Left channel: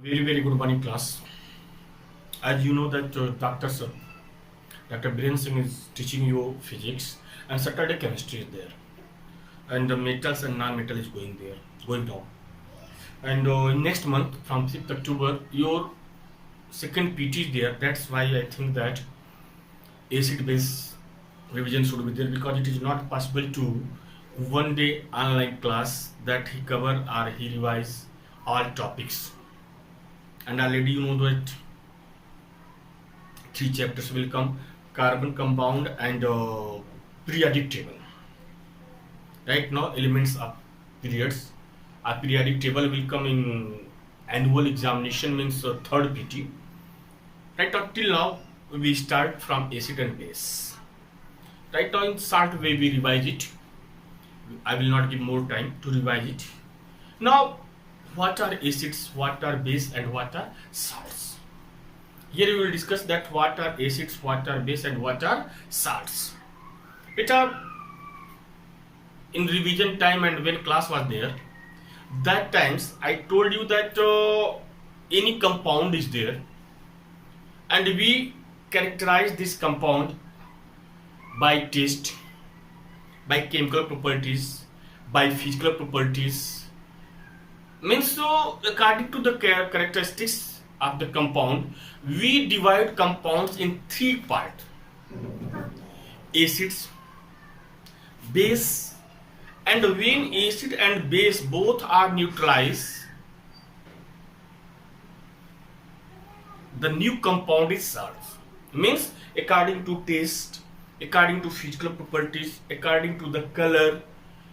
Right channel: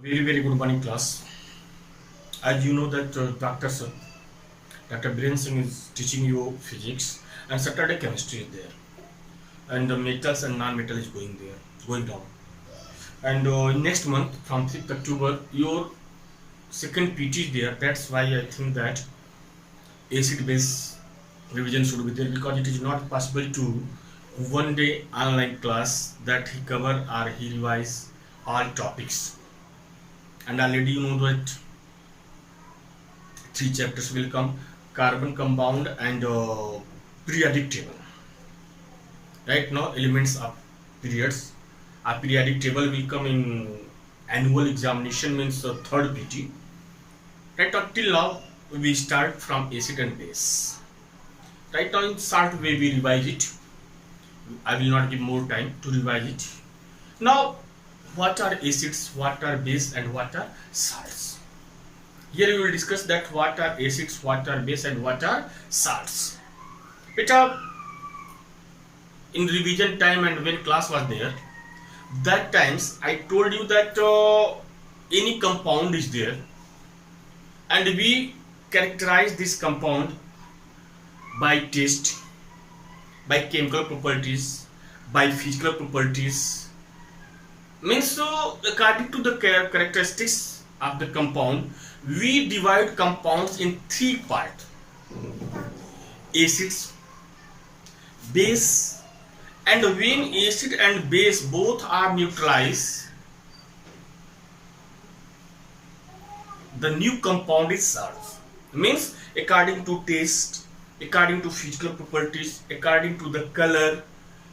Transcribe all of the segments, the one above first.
Very good morning, class. As you know that Dr. Biren Singh is teaching you physics, and Saturday chemistry is there, and the metals and non-metal is going down. And next month from 6th October, your second PT is there. That's why I think that acid base revision should be there, because it is not possible to one day online class that he cover or he revise all topics. And already you know that three chapters will come: carbon compound and periodic table. Right now elements of periods, a periodic table will come in annual examination, means the third PT. Right now till now we start from acid and base. Right now in short way we revise it. I will not give more time to revise it. Now what are acids, what are base, and what are salts? Here we will discuss that what are acids, what are base, and what are salts. Beta, in revision time and when class was there, that times I told you that any compound is there, and we characterize this compound by taste, by chemical properties, by physical properties. Means so according to the characteristics of the compound, we divide compounds in three parts: acids, base, and when acid and base both are neutralized, the new compound is salt. Means according to taste, according to physical properties, according to the color,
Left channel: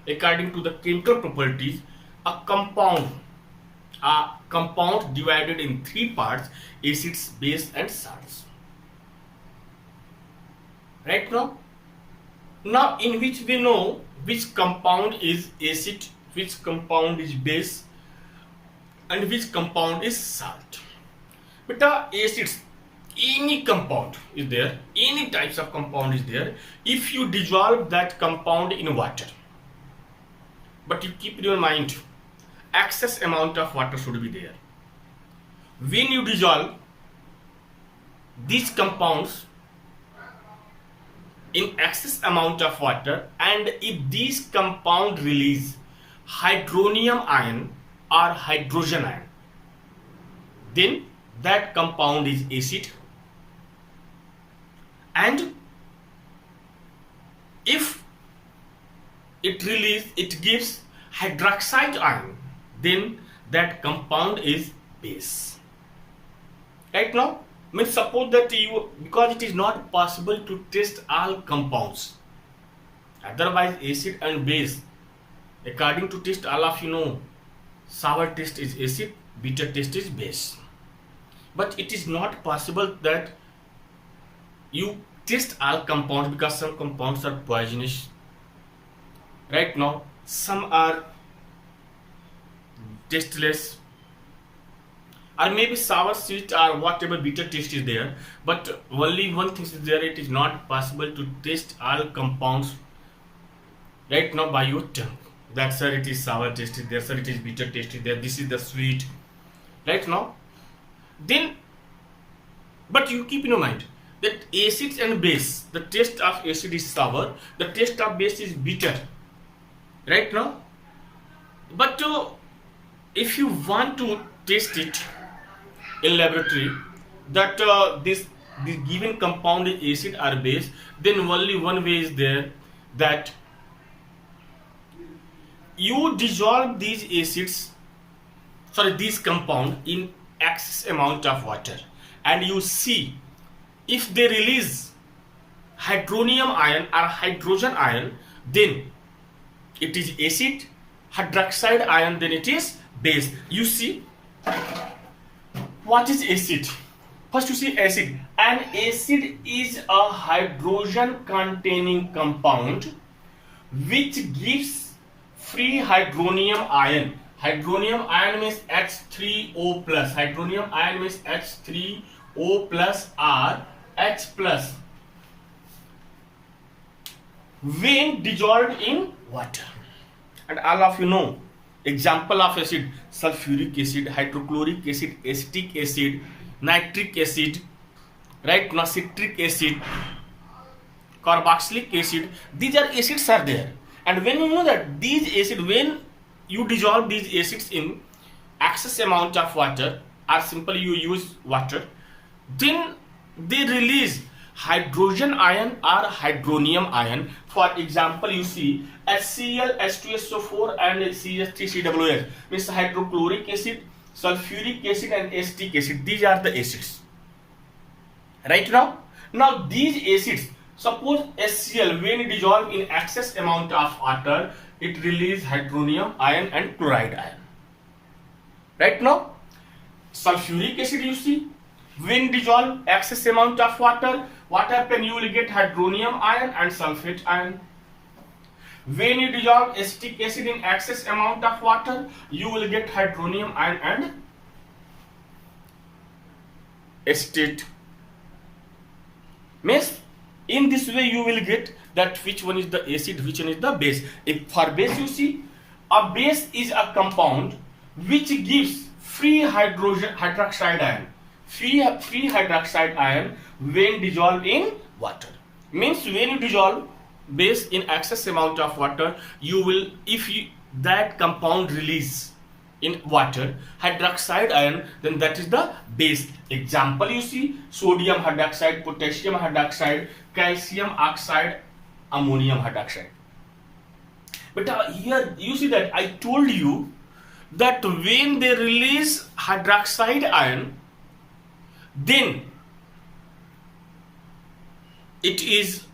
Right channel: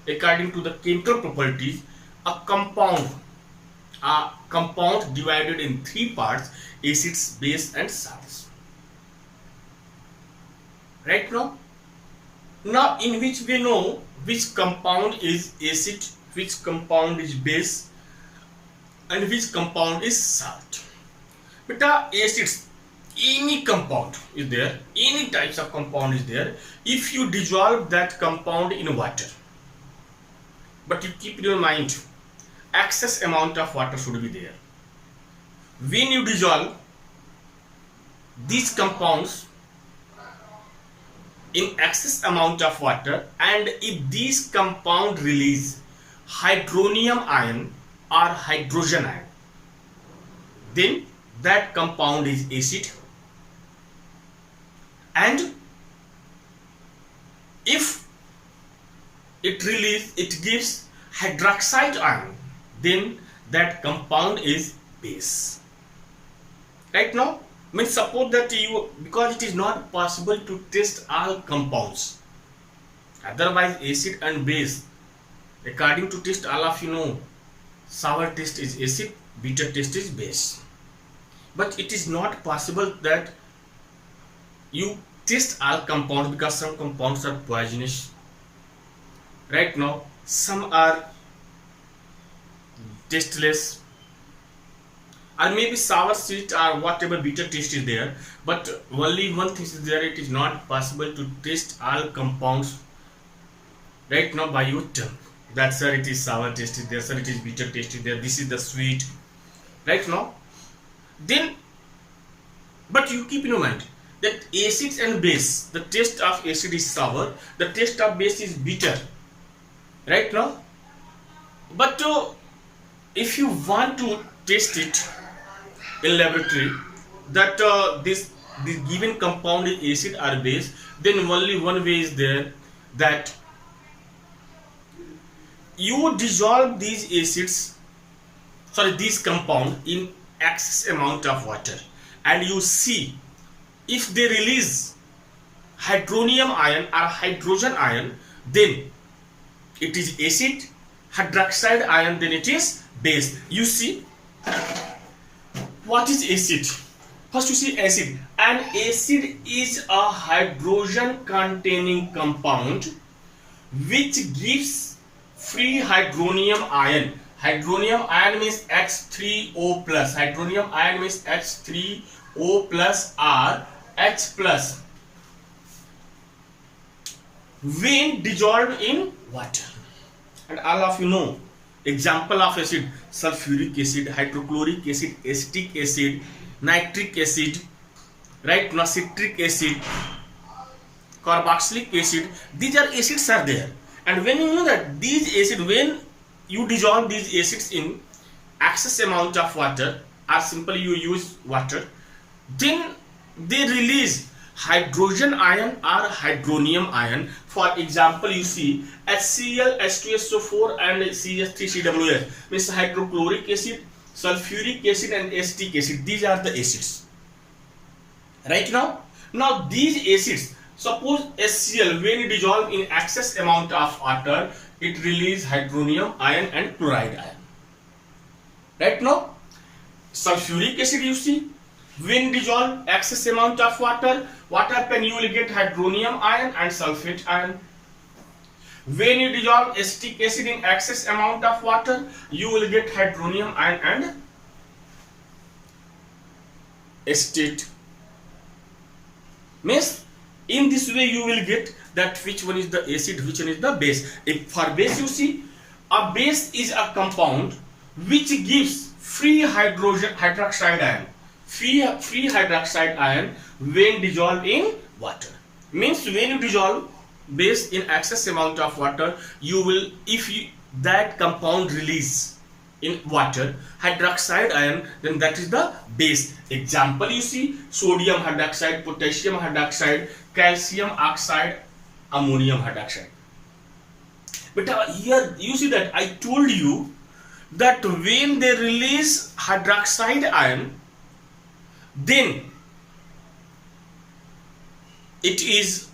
according to the chemical properties, a compound divided in three parts: acids, base, and salts. Right now in which we know which compound is acid, which compound is base, and which compound is salt. But acids, any compound is there, any types of compound is there, if you dissolve that compound in water. But you keep in your mind, excess amount of water should be there. When you dissolve these compounds in excess amount of water, and if these compound release hydronium ion or hydrogen ion, then that compound is acid. And if it gives hydroxide ion, then that compound is base. Right now, means suppose that because it is not possible to test all compounds, otherwise acid and base, according to test, all of you know, sour taste is acid, bitter taste is base. But it is not possible that you test all compounds, because some compounds are poisonous. Right now some are tasteless, or maybe sour, sweet, or whatever bitter taste is there, but only one thing is there: it is not possible to taste all compounds right now by your tongue. That sir, it is sour taste is there, sir, it is bitter taste is there, this is the sweet. Right now, then, but you keep in your mind that acids and base, the taste of acid is sour, the taste of base is bitter. Right now, but if you want to taste it in laboratory, that this given compound is acid or base, then only one way is there, that you dissolve these compound in excess amount of water, and you see if they release hydronium ion or hydrogen ion, then it is acid. Hydroxide ion, then it is base. You see, what is acid? First you see acid. An acid is a hydrogen containing compound which gives free hydronium ion. Hydronium ion means H3O plus. Hydronium ion means H3O plus or H plus when dissolved in water. And all of you know Example of acid: sulfuric acid, hydrochloric acid, acetic acid, nitric acid, right? Now citric acid, carboxylic acid. These are acids are there, and when you know that these acid, when you dissolve these acids in excess amount of water, or simply you use water, then they release hydrogen ion or hydronium ion. For example, you see HCl, H2SO4 and CH3CWS, means hydrochloric acid, sulfuric acid and acetic acid. These are the acids. Right now these acids, suppose HCl, when dissolved in excess amount of water, it release hydronium ion and chloride ion. Right now, sulfuric acid, you see, when dissolved excess amount of water, what happen? You will get hydronium ion and sulfate ion. When you dissolve acetic acid in excess amount of water, you will get hydronium ion and acetate. Means in this way you will get that which one is the acid, which one is the base. If for base, you see, a base is a compound which gives free hydroxide ion. Free hydroxide ion when dissolved in water. Means when you dissolve base in excess amount of water, you will, if you that compound release in water hydroxide ion, then that is the base. Example, you see, sodium hydroxide, potassium hydroxide, calcium oxide, ammonium hydroxide. But here you see that I told you that when they release hydroxide ion, then it is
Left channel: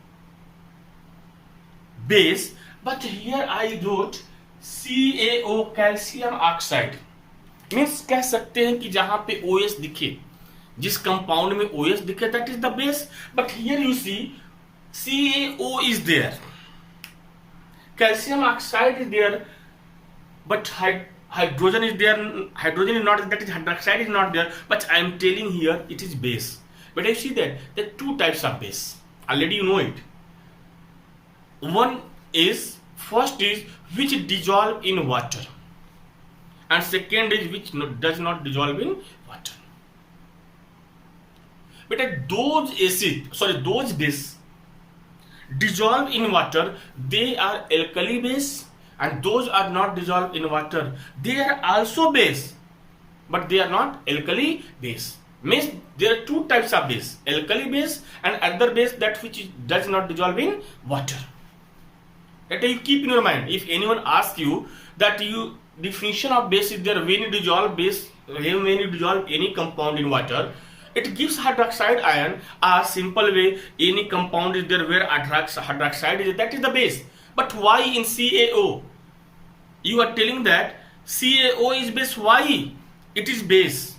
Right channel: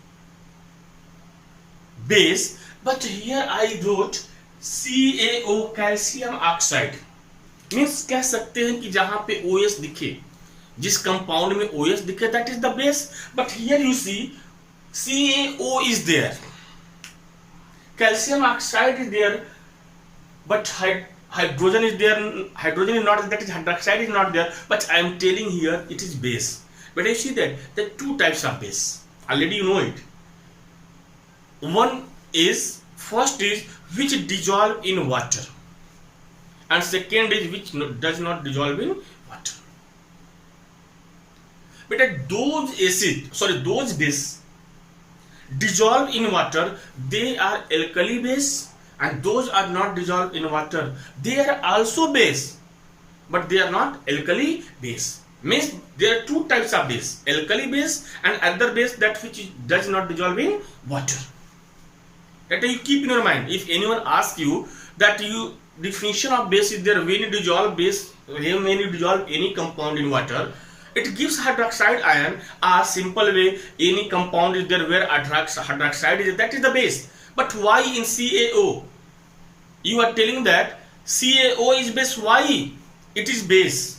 base. But here I wrote CaO, calcium oxide. Means कह सकते हैं कि जहां पे OS दिखे, जिस compound में OS दिखे, that is the base. But here you see CaO is there, calcium oxide is there, but hydrogen is there. Hydrogen is not, that is hydroxide is not there. But I am telling here it is base. But I see that there are two types of base. Already you know it. One is, first is which dissolve in water, and second is which does not dissolve in water. But those base dissolve in water, they are alkali base, and those are not dissolved in water, they are also base, but they are not alkali base. Means there are two types of base: alkali base and other base that which does not dissolve in water. That you keep in your mind. If anyone asks you that you definition of base is there, when you dissolve base, when you dissolve any compound in water, it gives hydroxide ion. A simple way, any compound is there where hydroxide is, that is the base. But why in CaO you are telling that CaO is base? Why it is base?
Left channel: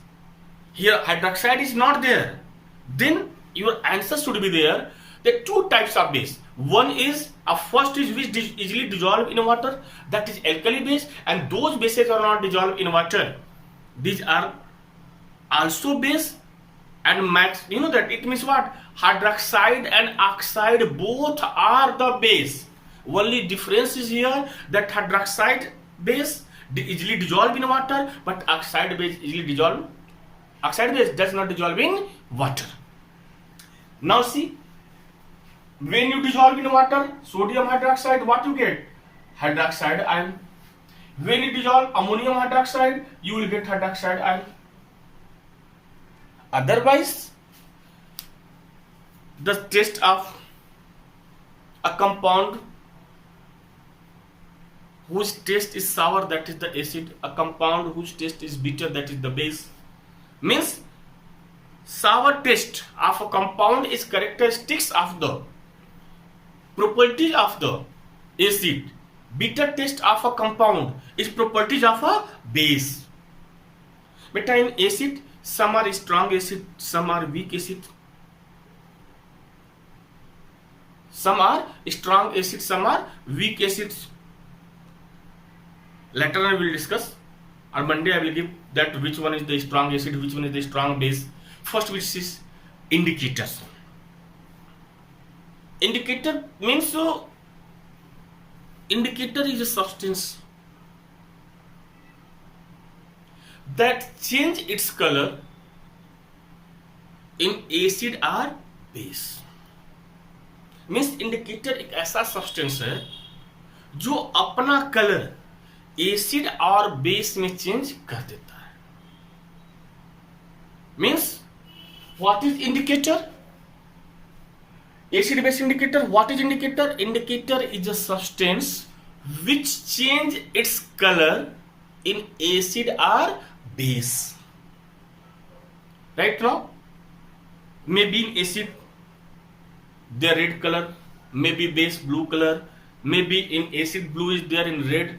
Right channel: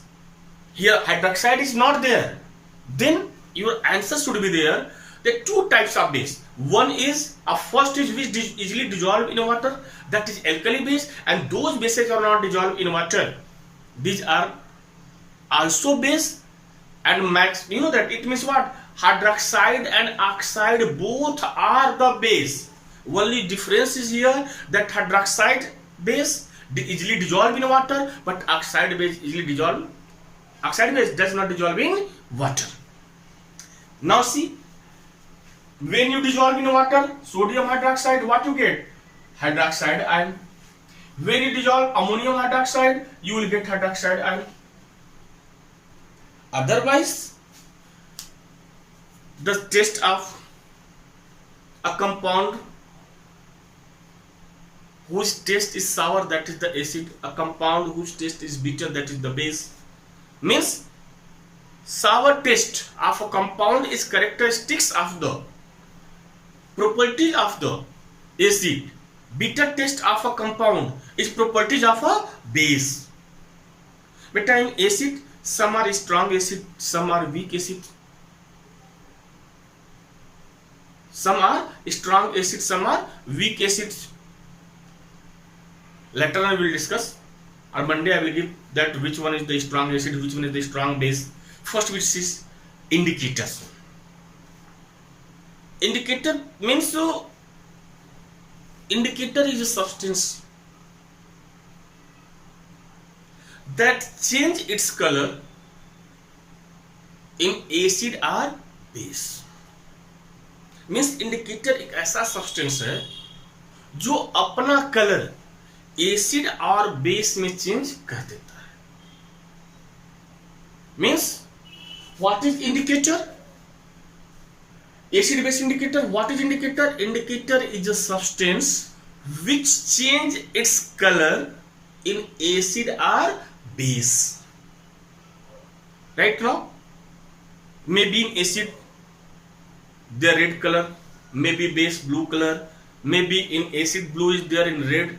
Here hydroxide is not there. Then your answer should be there. There are two types of base. One is, first is which easily dissolve in water, that is alkali base, and those bases are not dissolved in water, these are also base. And max, you know that it means what? Hydroxide and oxide both are the base. Only difference is here that hydroxide base easily dissolve in water, but oxide base easily dissolve. Oxide base does not dissolve in water. Now see, when you dissolve in water, sodium hydroxide, what you get? Hydroxide ion. When you dissolve ammonium hydroxide, you will get hydroxide ion. Otherwise, the taste of a compound whose taste is sour, that is the acid. A compound whose taste is bitter, that is the base. Means sour taste of a compound is characteristics of the property of the acid. Bitter taste of a compound is properties of a base. But in acid, some are strong acid, some are weak acid. Some are strong acid, some are weak acids. Later on we will discuss. On Monday I will give that which one is the strong acid, which one is the strong base. First which is indicators. Indicator means indicator is a substance that change its color in acid or base. Means indicator एक ऐसा substance है जो अपना colour acid और base में change कर देता है. Means what is indicator? Acid base indicator. What is indicator? Indicator is a substance which change its color in acid or base. Right now, maybe in acid they are red color, maybe base blue color, maybe in acid blue is there in red,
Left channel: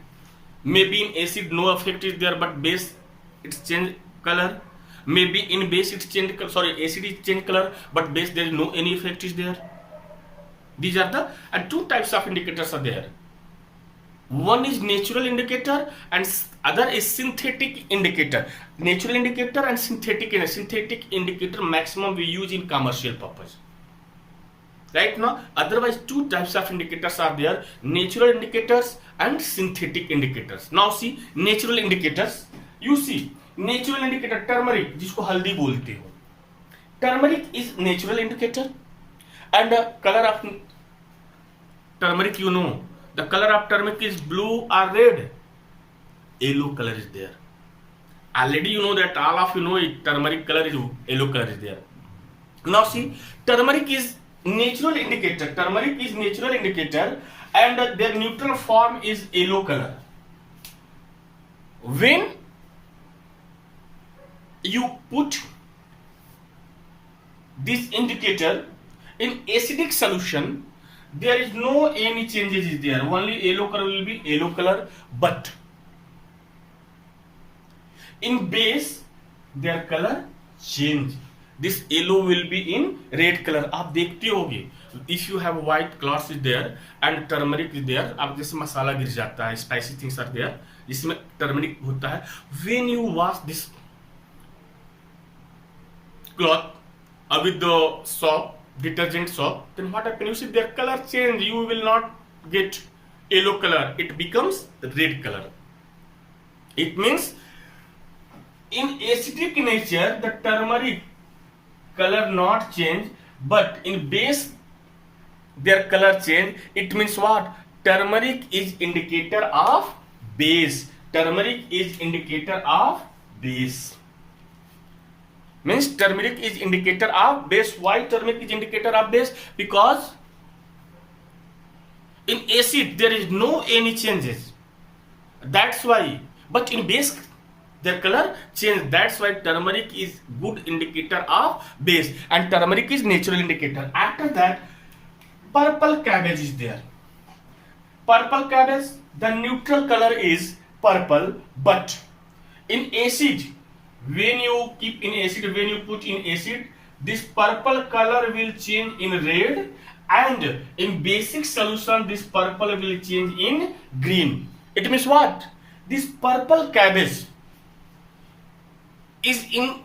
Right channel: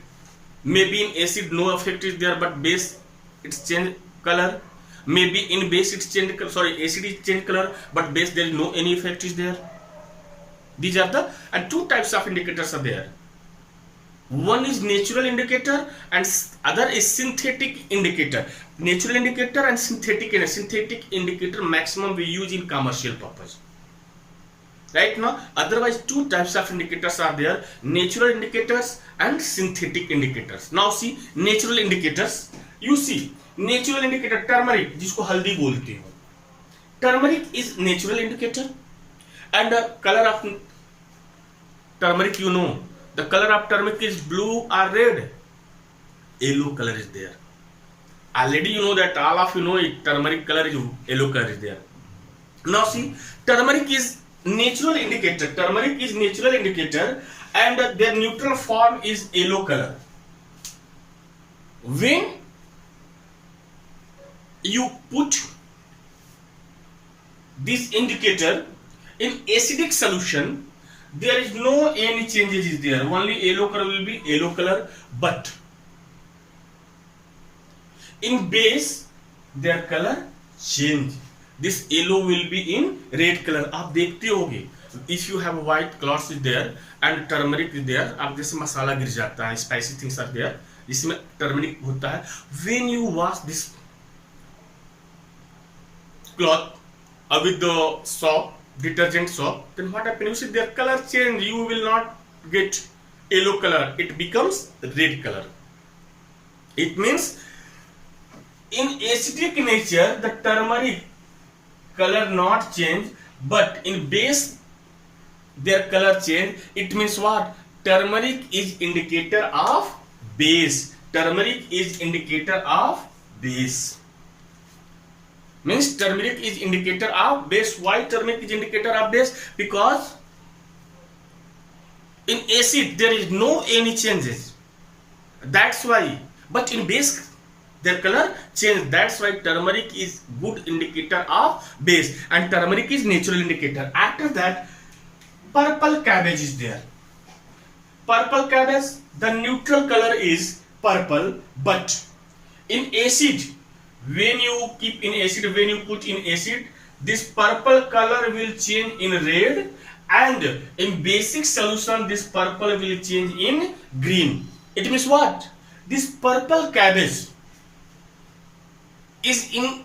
maybe in acid no effect is there but base it's change color, maybe in base it's change color, sorry, acid is change color but base there is no any effect is there. These are the and two types of indicators are there. One is natural indicator and other is synthetic indicator. Natural indicator and synthetic indicator maximum we use in commercial purpose. Right now, otherwise two types of indicators are there: natural indicators and synthetic indicators. Now see natural indicators. You see natural indicator turmeric जिसको हल्दी बोलते हो. Turmeric is natural indicator. And the color of turmeric, you know, the color of turmeric is blue or red. Yellow color is there. Already you know that, all of you know it, turmeric color is yellow color is there. Now see, turmeric is natural indicator. Turmeric is natural indicator and their neutral form is yellow color. When you put this indicator in acidic solution, there is no any changes is there, only yellow color will be yellow color, but in base their color change. This yellow will be in red color. आप देखते होगे, if you have white cloths is there and turmeric is there, आप जैसे मसाला गिर जाता है, spicy things are there, जिसमें turmeric होता है, when you wash this cloth with the soap, detergent soap, then what happens? You see their color change. You will not get yellow color, it becomes red color. It means in acidic nature the turmeric color not change, but in base their color change. It means what? Turmeric is indicator of base. Turmeric is indicator of base. Means turmeric is indicator of base. Why turmeric is indicator of base? Because in acid there is no any changes, that's why. But in base their color change, that's why turmeric is good indicator of base and turmeric is natural indicator. After that, purple cabbage is there. Purple cabbage, the neutral color is purple, but in acid, when you keep in acid, when you put in acid, this purple color will change in red, and in basic solution this purple will change in green. It means what? This purple cabbage is in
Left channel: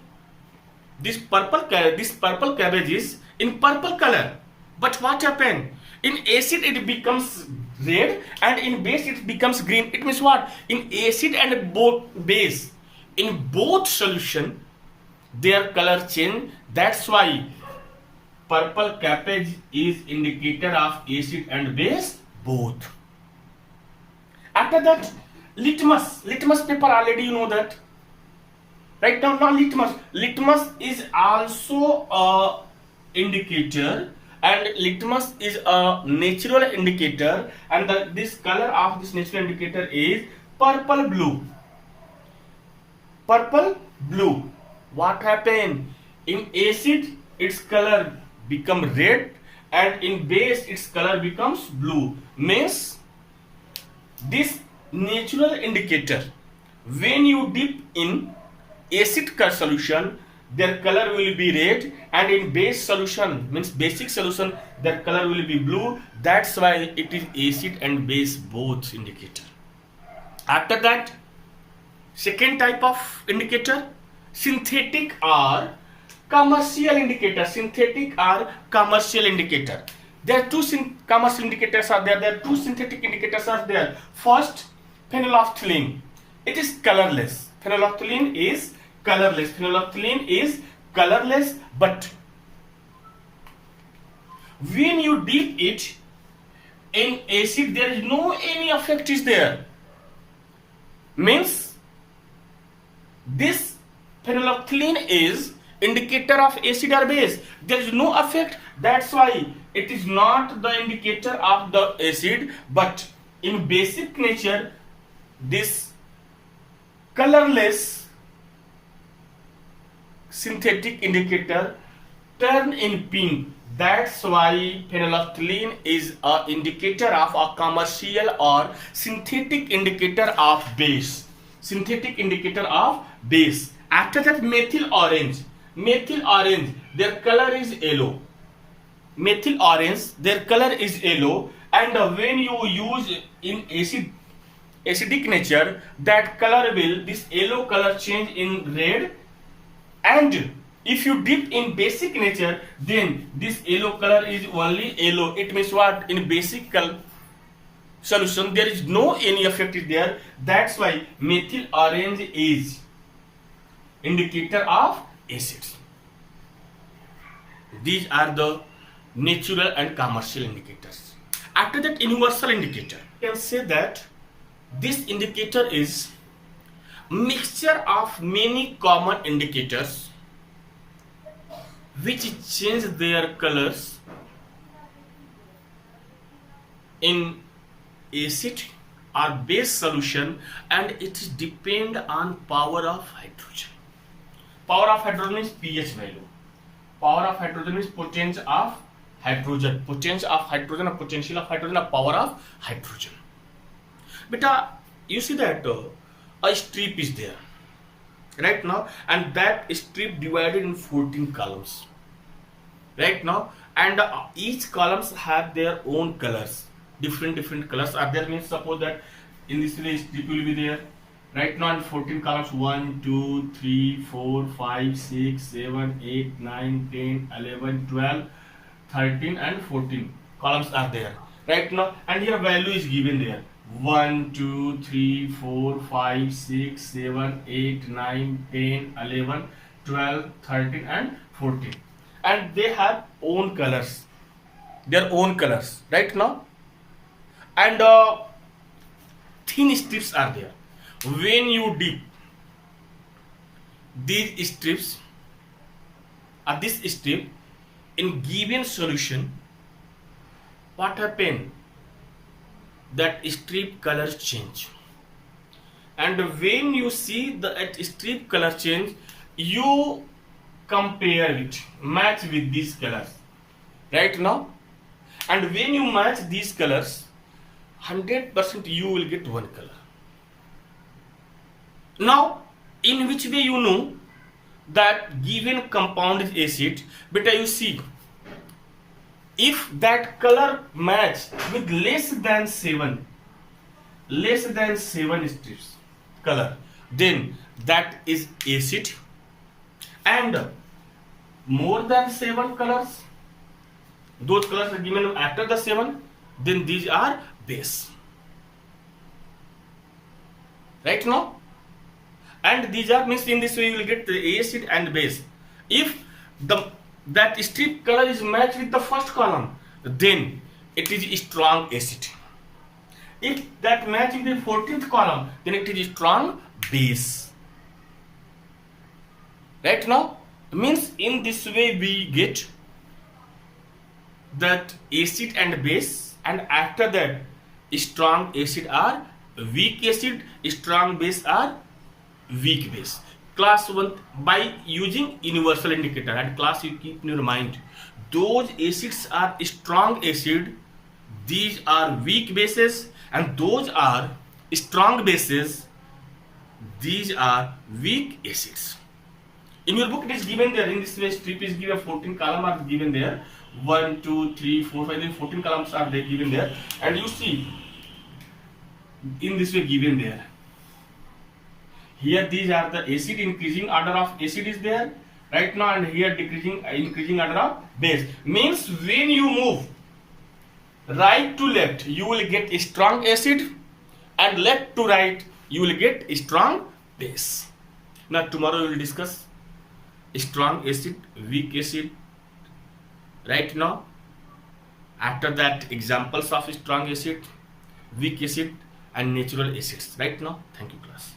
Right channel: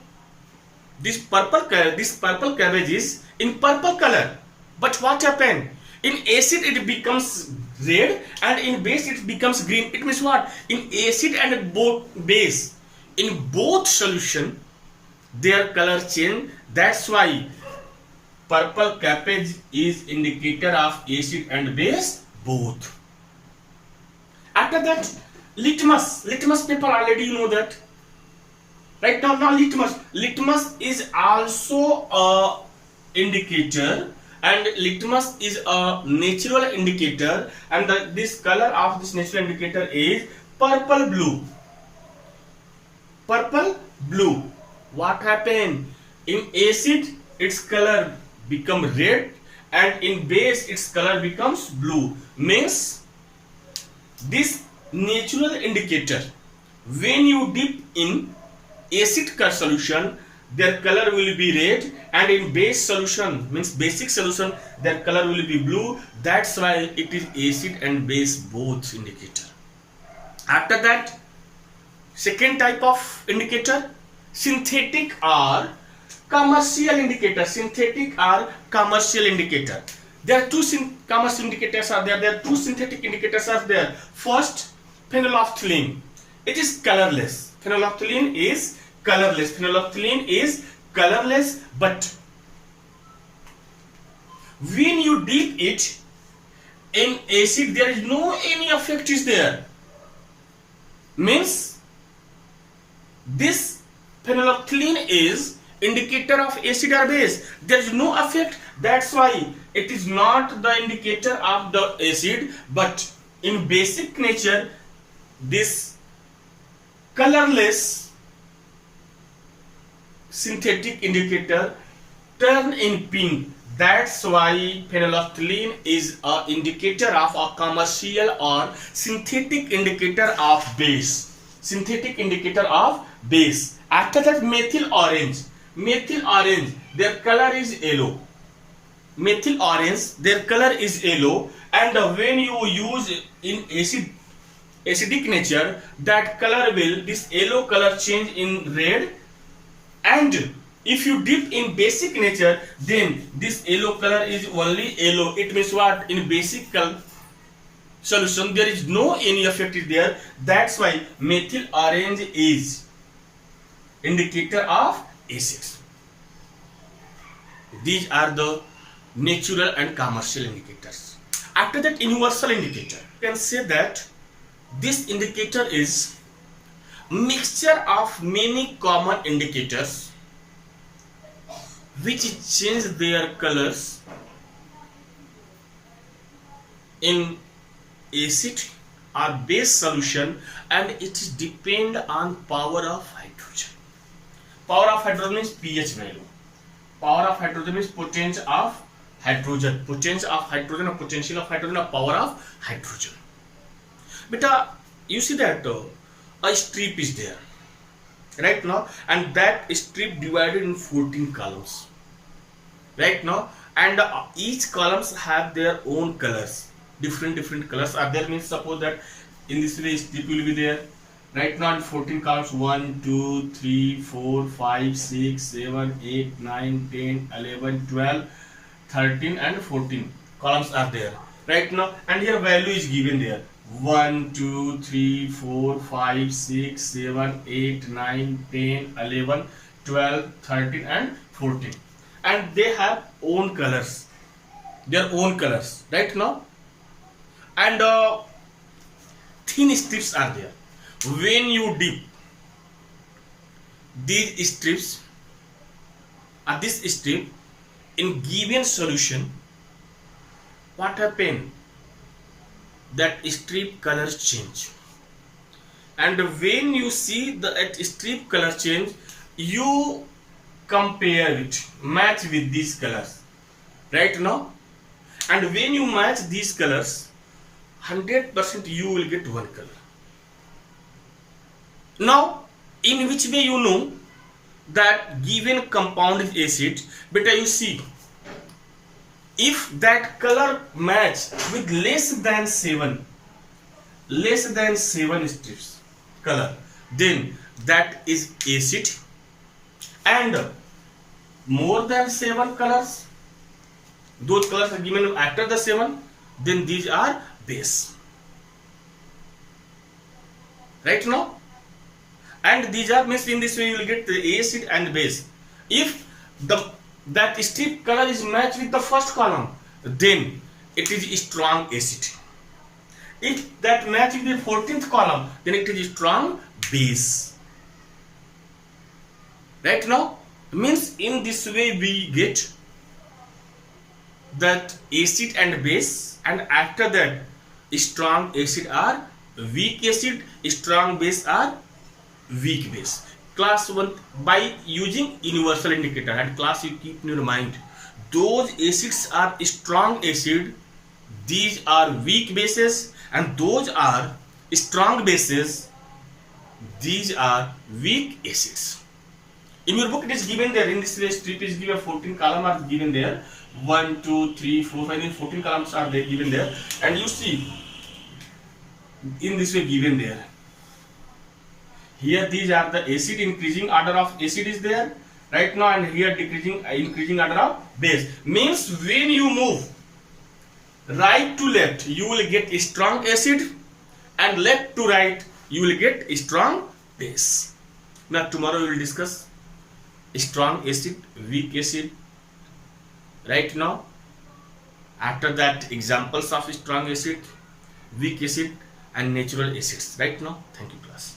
this purple cabbage is in purple color, but what happened? In acid it becomes red and in base it becomes green. It means what? In acid and both base, in both solution their color change. That's why purple cabbage is indicator of acid and base both. After that, litmus paper, already you know that. Right now litmus is also a indicator, and litmus is a natural indicator, and this color of this natural indicator is purple blue. What happened? In acid its color become red and in base its color becomes blue. Means this natural indicator, when you dip in acid solution their color will be red, and in base solution, means basic solution, their color will be blue. That's why it is acid and base both indicator. After that, second type of indicator, synthetic or commercial indicator. Synthetic or commercial indicator. There are two commercial indicators are there. There are two synthetic indicators are there. First, phenolphthalein. It is colorless. Phenolphthalein is colorless. Phenolphthalein is colorless, but when you dip it in acid, there is no any effect is there. Means this phenolphthalein is indicator of acid or base. There is no effect. That's why it is not the indicator of the acid, but in basic nature, this colorless synthetic indicator turn in pink. That's why phenolphthalein is an indicator of a commercial or synthetic indicator of base. Synthetic indicator of base. After that, methyl orange. Methyl orange, their color is yellow. Methyl orange, their color is yellow, and when you use in acidic nature, that color will, this yellow color change in red, and if you dip in basic nature, then this yellow color is only yellow. It means what? In basic solution, there is no any effect is there. That's why methyl orange is indicator of acids. These are the natural and commercial indicators. After that, universal indicator. You can say that this indicator is mixture of many common indicators which change their colors in acid or base solution, and it depend on power of hydrogen. Power of hydrogen is pH value. Power of hydrogen is potential of hydrogen. Potential of hydrogen or potential of hydrogen or power of hydrogen. But you see that a strip is there right now, and that strip divided in 14 columns right now, and each columns have their own colors. Different colors are there. Means suppose that in this way strip will be there right now in 14 columns. 1 2 3 4 5 6 7 8 9 10 11 12 13 and 14 columns are there right now, and here value is given there. 1 2 3 4 5 6 7 8 9 10 11 12 13 and 14, and they have own colors, their own colors right now, and thin strips are there. When you dip these strips or this strip in given solution, what happen? That strip colors change, and when you see the strip color change, you compare it, match with these colors right now, and when you match these colors, 100% you will get one color. Now, in which way you know that given compound is acid? Beta, you see, if that color match with less than 7 strips color, then that is acid, and more than 7 colors, those colors are given after the 7, then these are base right now, and these are, means in this way you will get the acid and base. If that strip color is matched with the first column, then it is strong acid. If that match with the 14th column, then it is strong base right now. Means in this way we get that acid and base, and after that strong acid are weak acid, strong base are weak base. Class 1, by using universal indicator, and class you keep in your mind, those acids are strong acid, these are weak bases, and those are strong bases, these are weak acids. In your book it is given there, in this way strip is given, 14 columns are given there, 1 2 3 4 5 14 columns are there given there, and you see in this way given there. Here these are the acid, increasing order of acid is there right now, and here increasing order of base. Means when you move right to left, you will get strong acid, and left to right you will get strong base. Now tomorrow we will discuss strong acid, weak acid. Right now, after that, examples of strong acid, weak acid, and natural acids. Right now, thank you, class.